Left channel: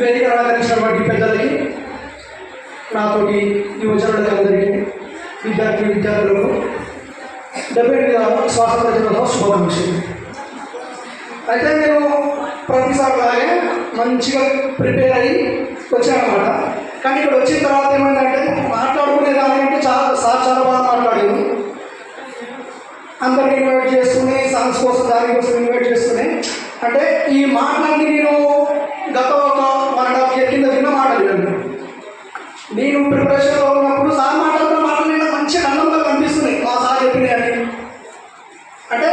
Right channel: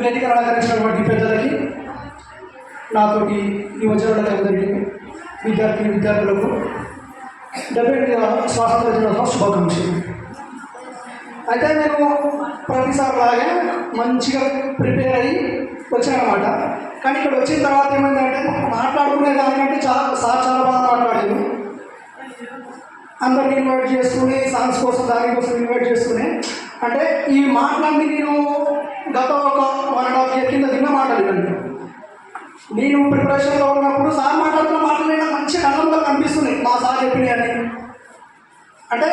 వేదిక అలంకరించినటువంటి పెద్దలకి, నాతోటి యువజనులకు అందరికీ, విద్యార్థులకు 78వ స్వాతంత్ర దినోత్సవ శుభాకాంక్షలు. అయితే నేను ప్రతిసారి అలాగే మంచిగా ప్రిపేర్ అయ్యి వచ్చానమాట. కానీ ఇక్కడ వచ్చిన తర్వాత ఏమైందంటే మాట్లాడుకునే దానికంటే చాలా బాగా మాట్లాడాను. అందరికీ ఇన్వైట్ చేసుకుని సాంగ్స్ కోసం దానికోసం ఇన్వైట్ చేసుకుని, అంటే ఈ మాటలన్నీ నేను గత ఒక 1.5 year కింద విన్న మాటలు. నేను ప్రిపరేషన్లో ఉన్నప్పుడు సార్ మాట్లాడుతున్న మాటలు నాకు మంచి ఆనందంగా కనిపిస్తున్నాయి. మా సార్ చెప్పినాయని, అంటే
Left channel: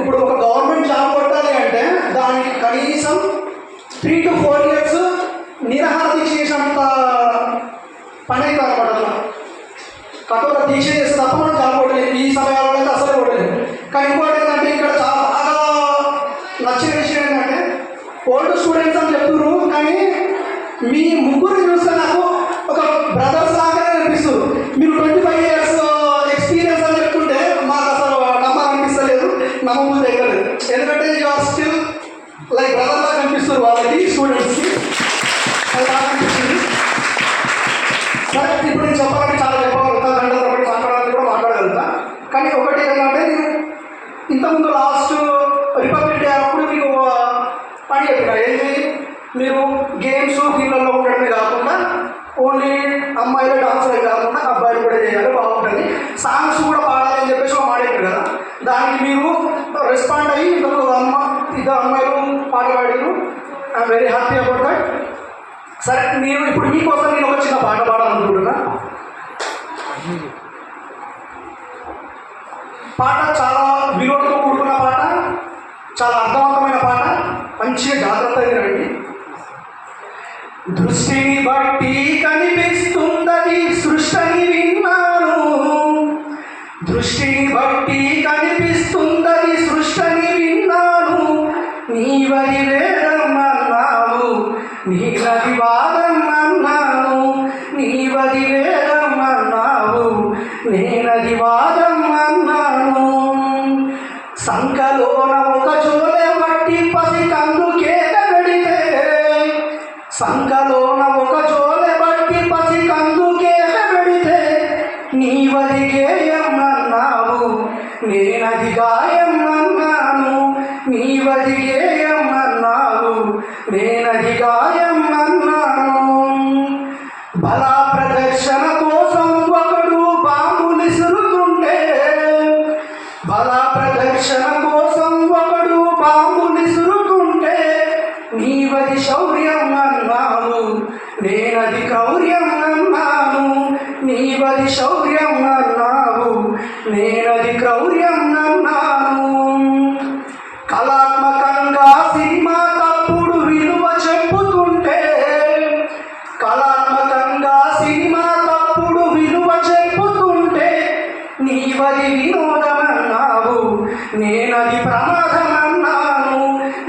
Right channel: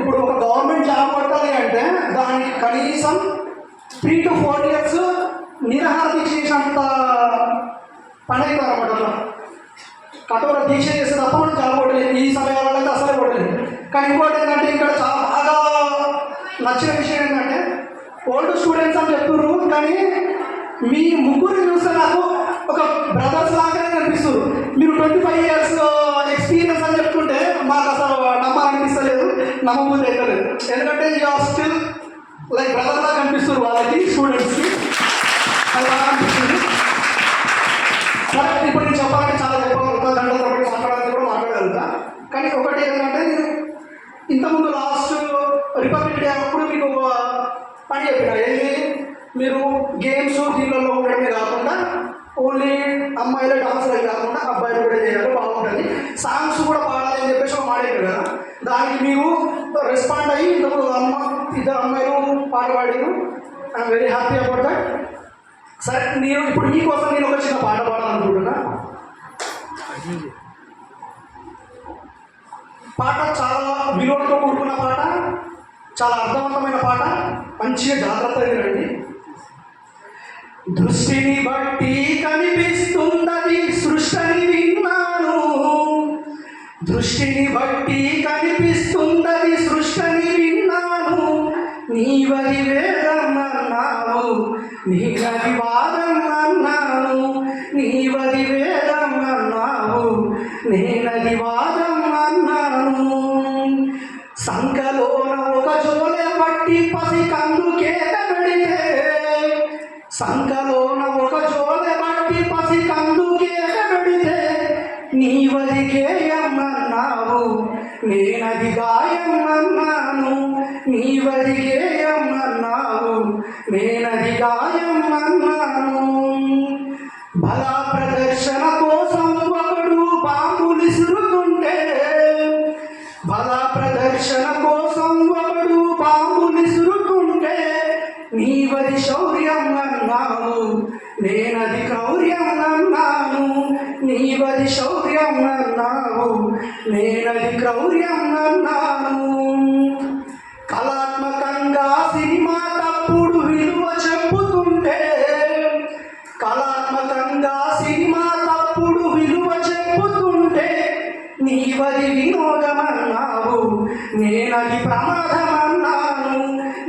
ఇప్పుడు ఒక గవర్నమెంట్ జాబ్ కొట్టాలి అంటే దానికి కనీసం 3 to 4 years నిరహార దీక్ష చేసినంత పని అవుతుంది అనమాట. అలా కఠోర దీక్ష చేస్తే తప్ప మనం జాబ్ కొట్టలేదు. ఈ సమయాల్లో అయితే అసలు కొట్టలేదు. కానీ ఇంకోటి ఏంటంటే ఇక్కడ చాలా బాగా నచ్చిన విషయం ఏంటంటే ఓల్డ్ స్టూడెంట్స్ అని చెప్తున్నారు, కానీ మీ ముగ్గురు చూస్తే నాకు ఒక బ్రదర్స్ లాగానే కనిపిస్తారు. మీరు 25 years ఎక్స్పీరియన్స్ అని చెప్తుంటే మాకు అసలు నమ్మాలనిపిస్తలేదు, నమ్మబుద్ధి ఎక్కలేదు. ఎందుకంటే ఇక స్టిల్ లైక్ బ్రదర్ లాగా కనిపిస్తారు వాళ్ళకి, స్టూడెంట్స్కి. అది బాగా అనిపిస్తుంది. సరే, ఇప్పుడు నేను చెప్పాలంటే చాలా చెప్పగలుగుతా, గంటల తరబడి మాట్లాడాలని కూడా మాట్లాడగలుగుతా. కానీ ఒకటి ఏంటంటే నేను ఇంతకుముందు లాస్ట్ రిపబ్లిక్ డే అప్పుడు మీకు ఒక పని చెప్పిన, ఏంటి, మీరు గేమ్స్ వీళ్ళల్లో ఉండడమే కాకుండా ఓన్లీ అమ్మాయిలే డాన్సులే కాకుండా అబ్బాయిలు కూడా చేయాలి, బాగుంటుంది, సాంగ్స్ కూడా పాడాలి అని చెప్పేసి ఒక మాట చెప్పారు కదా. దానికి మీరు రెస్పాండ్ అయ్యి ఇంతకు ఇద్దరు అమ్మాయిలు పాట పాడారు. I'm very happy about that. సరే, నేను ఇప్పుడు మీకోసం నేను ఒక చిన్న పాట పాడాలనుకుంటున్నా. పాట చాలా విలువలతో కూడుకున్న పాట, చాలా అర్థవంతమైన పాట. మంచిగా జాగ్రత్తగా వినండి. దృష్టిని బట్టి కనిపిస్తున్నది సృష్టిని విన్నాను, దృష్టిని బట్టి కనిపిస్తున్నది సృష్టిని విన్నాను. నీవది వేదం అన్నావు, నీవది వాదం అన్నాను, నీవది వేదం అన్నావు, నేనది వాదం అన్నాను. సంకలోన ఒక జోలే పట్టి పసి కందుకేత పెడితే, సంకలోన ఒక జోలె బట్టి పసి కందుకేత పెడితే, నీవది గేయం అన్నావు, నేనది గాయం అన్నాను, నీవది గేయం అన్నావు, నేనది గాయం అన్నాను. బలా ప్రదర్శన కోసం ఒకడు బాంబులు విసురుతుంటే, బలా ప్రదర్శన కోసం ఒకడు బాంబులు విసురుతుంటే, నీవది శౌర్యం అన్నాను, నేనది క్రౌర్యం అన్నాను, నీవది శౌర్యం అన్నావు, నేనది క్రౌర్యం అన్నాను. కళాత్మకంగా సినిమా తప్పుడు విలువ చెప్పుతుంటే, కళాత్మకంగా సినిమా తప్పుడు విలువ చెప్పుతుంటే, నీవది వినోదం అన్నావు, నేనది ప్రమాదం అన్నాను,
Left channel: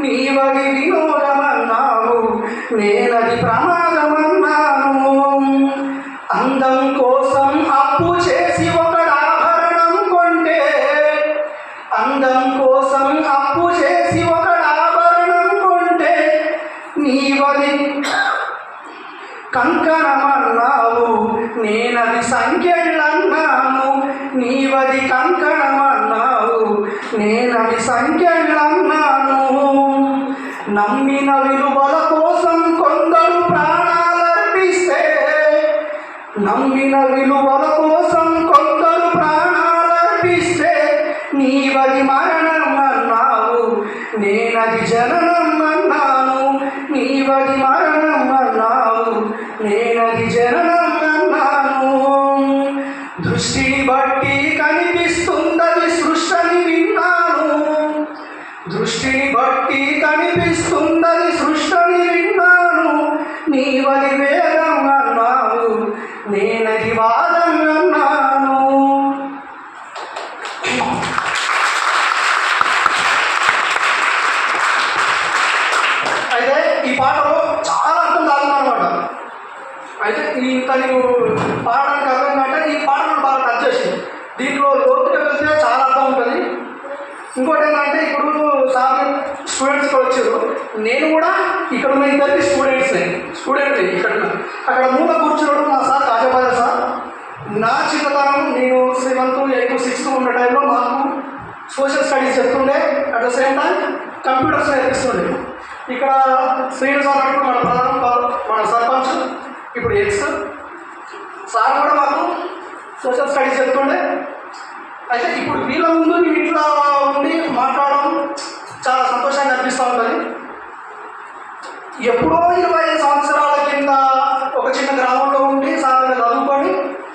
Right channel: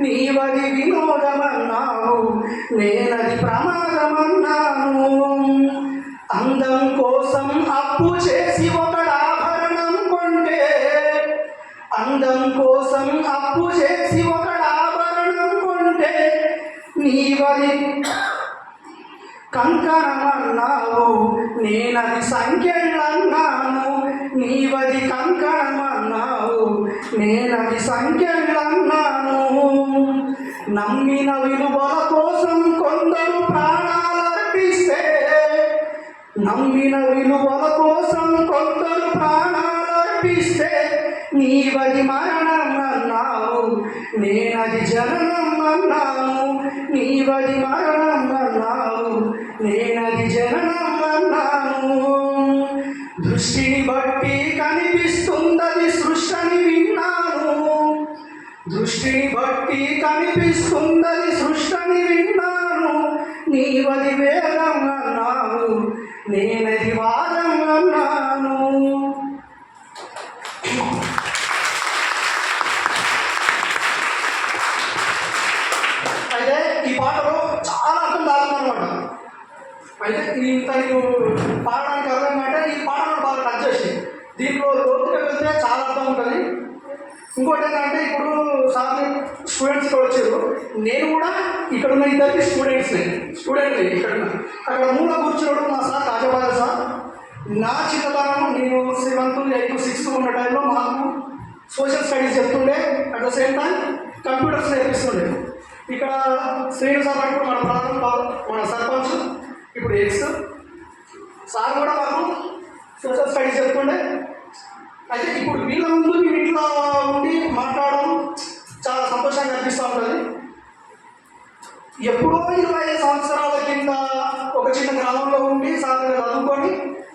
నీవది వినోదం అన్నావు, నేనది ప్రమాదం అన్నాను. అందం కోసం అప్పు చేసి ఒకడు ఆభరణం కొంటే, అందం కోసం అప్పు చేసి ఒకడు ఆభరణం కొంటే, నీవది కంకణం అన్నావు, నేనది సంఖ్యలన్నాను, నీవది కంకణం అన్నావు, నేనది సంఖ్యలన్నాను. నమ్మిన విలువల కోసం కొందరు ప్రాణాలర్పిస్తే, నమ్మిన విలువల కోసం కొందరు ప్రాణాలర్పిస్తే, నీవది మరణం అన్నావు, నేనది జననం అన్నాను, నీవది మరణం అన్నావు, నేనది జననం అన్నాను. దృష్టిని బట్టి కనిపిస్తున్నది సృష్టిని విన్నాను, దృష్టిని బట్టి కనిపిస్తున్నది సృష్టిని విన్నాను. నీవది వేదం అన్నావు, నేనది వాదం అన్నాను. అయితే ఈ పాటలో చాలా అర్థం తాగుతుందన్నమాట. అయితే ఇంత నీకు పాడడానికి అర్థం అంటే ఈ పాట మనం బాగా టచ్ చేసింది. దీంట్లో లోతుగా వెళ్తే చాలా అర్థం ఉంటుంది. ఇంకోటి ఏంటంటే ఇప్పుడు సార్ స్టూడెంట్స్ ఇక్కడ వచ్చారు, నేను కూడా ఇక్కడ ఉన్న ఇద్దరికి స్టూడెంట్ ఇక్కడ అక్కడ మూల కూర్చోవడం మా సార్ కాజాబాయ్ సార్. నా చిన్నతనం నేను 7th 8th 6th ఉన్న టైంలో మాకు సోషల్ స్టడీస్ చెప్తుండే, at the same time computers నేర్పిస్తుండే. ఇక్కడ శ్రీను సార్ అంటూ మన సర్పంచ్ ఇప్పుడు ఎక్స్ సార్ కూడా మాకు సోషల్ స్టడీస్ చెప్తుండే. అయితే ఇప్పుడు వీళ్ళ ముందు మేము ఇట్లా ఉండి మాట్లాడడం చాలా సంతోషంగా అనిపిస్తూ ఉంటుంది. ఎప్పుడో 25 సంవత్సరాల కింద ఒక చిన్న గ్రామంలో ఉండి సార్ దగ్గర చదువుకొని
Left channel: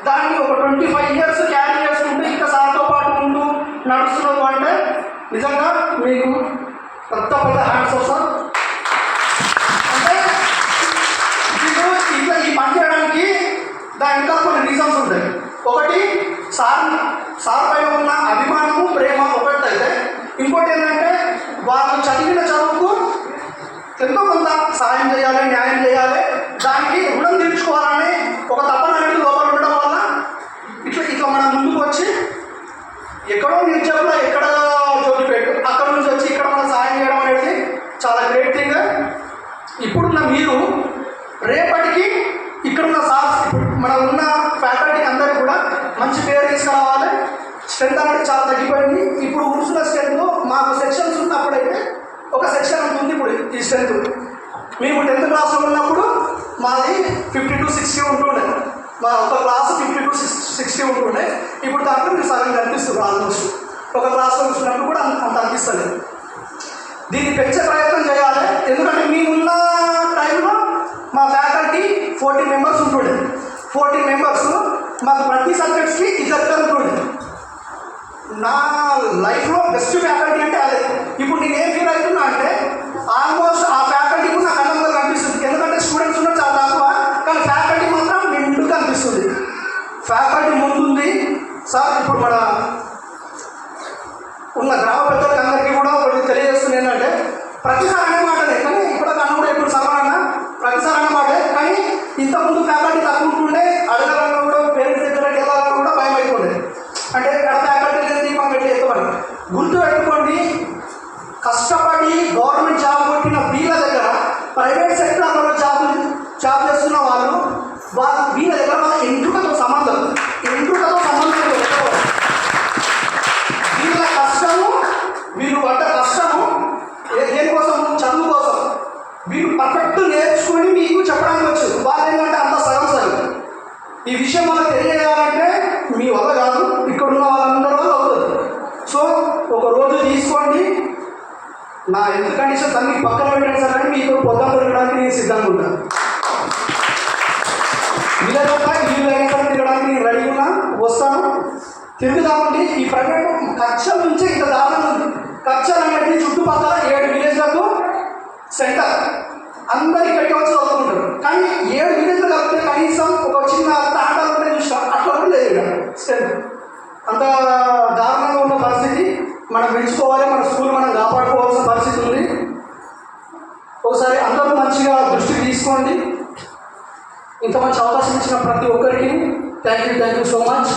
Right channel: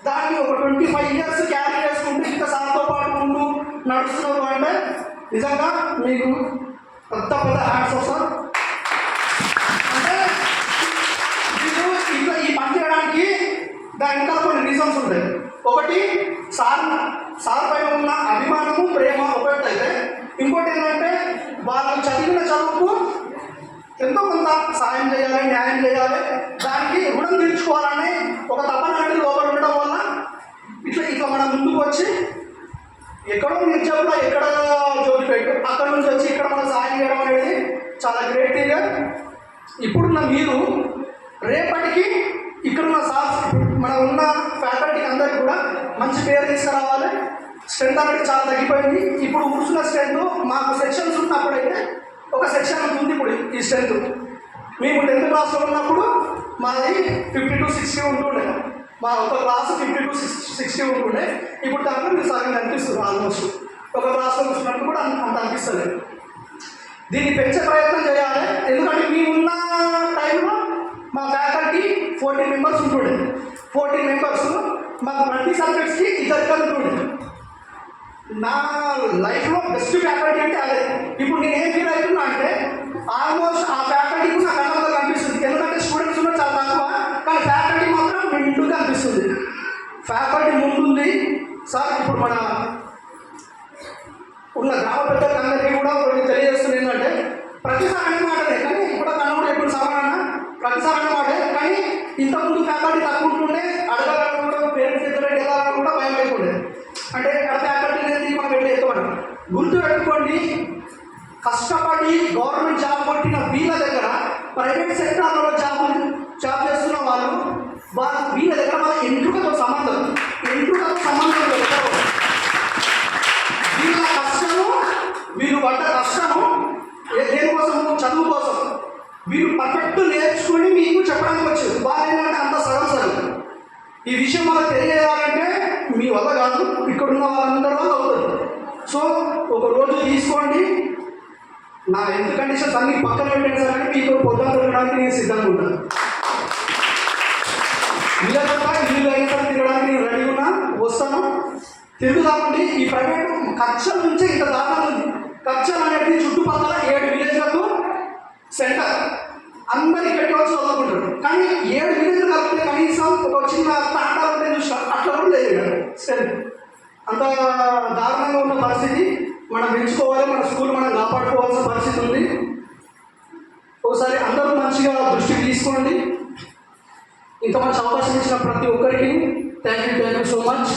దాన్ని ఒక 25 years క్యారీ చేసుకుంటూ ఇంకా సార్తో పాటు ముందు నడుస్తున్నారు అంటే నిజంగా మీకు పెద్ద హ్యాండ్స్ వస్తాం. అంటే ఇప్పుడు ఇట్లా ఈ పని చేయడానికి దాని ఇంకా కొన్ని రీజన్స్ ఉంటాయి. ఒకటి సార్ పైన ఉన్న అభిమానము ప్రేమ ఒకటి అయితే, ఇంకోటి ఏంటంటే వాళ్ళు చదివిన చదువుకు ఎంతో కొంత సాయం చేయాలి, న్యాయం చేయాలి, దానికి రుణం తీర్చుకోవాలని ఒక తపన అనేది లోపల ఉండడం వల్ల ఇట్లా మనం ముందుకు వచ్చి ఎక్కడో నిలిచేప్పుడు ఎక్కడ జోలిపెట్టు అక్కడ నుంచి వచ్చి ఇక్కడ మనం సాయం చేయడం అనేది చాలా గ్రేట్ థింగ్. ఇప్పుడున్న మీరు రేపటికి ఇక్కడున్న సార్స్ ఇప్పుడు మనం ఉన్న ఫ్యాకల్టీకి అందరికీ కూడా మంచి పేరు తీసుకురావాలి. స్ట్రెంత్ అనేది చాలా తగ్గిపోయింది. ఇప్పుడు కూర్చున్న స్ట్రెంత్ మాకు సెక్షన్స్ ఉన్నప్పుడైతే ఒక సెక్షన్ అంత ఉంది. ఇప్పుడు ఈ స్ట్రెంత్ మేము 10th క్లాస్లో ఉన్నప్పుడు మాది 50 to 60 ఉంటుండే. మా ఒక క్లాస్ 50 to 60 ఉంటుండే. ఇప్పుడు దాంట్లో మీరు సగం కనిపిస్తుంది. ఆల్మోస్ట్ ఒక క్లాస్లో కూర్చున్నప్పుడు కూడా అంత అనిపిస్తలేదు. దీన్ని పెంచే ప్రయత్నం చేయాలి. ఎందుకంటే మేమున్న టైంలో మా ఫ్యాకల్టీ 14 members ఉంటుండే. 14 members మాకు ప్రతి సబ్జెక్ట్స్కి ఇద్దరు ఉంటుండే. నా లైఫ్లో బెస్ట్ ఫ్యాకల్టీ అంటే అదే. ఇప్పుడు నేను ఏం ఫీల్ అవుతున్నా అంటే ఆల్మోస్ట్ ఆ ఫ్యాకల్టీ కూడా నా కళ్ళ ముందు కనిపిస్తుంది. ఎందుకంటే స్టూడెంట్స్ ఉన్న చాలా తక్కువ, కానీ ఫ్యాకల్టీ మాత్రం నిండుగా కనిపిస్తుంది. ఫ్యాకల్టీ ముందుంది సార్. ఇప్పుడు మన ఉన్న గ్రామ పెద్దలకి అందరికీ కూడా ఒకటి తెలియజేస్తుంది ఏంటంటే ప్రతిసారి అనే మాటనే, కానీ ఇప్పుడు కన్నా ఇప్పుడు సమాన ప్రతిసారి అనే మాటే. కానీ ఇంతకుముందు ఫ్యాకల్టీ తక్కువ ఉంటుండే, అడగాలన్నా కూడా పేరెంట్స్ దగ్గరికి వెళ్ళాలన్నా కూడా భయం అయిపోండే. అంటే ఇక్కడ ఫ్యాకల్టీ లేదు మనం వెళ్ళి ఎత్తుకోండి. గుర్తు పెట్టుకోండి, కష్టపడి గవర్నమెంట్ జాబ్ కొట్టిన వీళ్ళ దగ్గర ప్రైవేట్ సెక్టర్లో జాబ్ చేస్తున్న వాళ్ళు వీళ్ళ దగ్గర వాళ్ళ ఎంట్రుకతో సంబంధం వీళ్ళ కష్టము, వీళ్ళు పడ్డ కష్టము దేనికోసం, చదువు కోసం. వీళ్ళు పర్ఫెక్ట్ నేర్చుకొని మీకు చెప్పడానికి వచ్చు. వాళ్ళు ఏంటంటే అంత సగం. ఈ విషయం మనకు తెలియజేయాలంటే మీ వల్ల కాదు, ఇక్కడ ఉన్న వాళ్ళందరి వల్ల అవుతుంది. సో ఒక రోజు తీసుకోండి, నా హెల్త్ కండిషన్స్ అన్ని పక్కన పెట్టండి సార్ అని మీకు పొద్దున తిరగడానికి నేను సిద్ధంగా ఉంటాను. వీళ్ళు అయిన సరే తిరగడానికి నేను రెడీ ఉన్నా, వస్తాను, తిరుగుదామండి. ఈ ప్రైవేట్ కచ్చల నుంచే ఇంత దారుణం ఉంది. కచ్చలు అనేది చుట్టుపక్కల 7 విలేజ్లకు సెంటర్. అందరు ఇక్కడికి వచ్చి చదువుకుంటారు. కానీ 7 విలేజ్లు కలిపితే కనీసం ఒక చిన్న తాండాలు ఉంటే చూసాం, అట్లా కూడా లేదు స్ట్రెంత్. అంత దారుణంగా ఉన్న పరిస్థితి. మనం పెంచుకోవాలి, మన స్కూల్ మనం కాపాడుకోవాల్సిన పరిస్థితి ఉంది. ఒకసారి అందరూ మంచిగా దృష్టికి తీసుకోండి. ఇంత మంచి అవకాశం ఇచ్చిన ప్రతి ఒక్కరికి థ్యాంక్ యూ సో మచ్.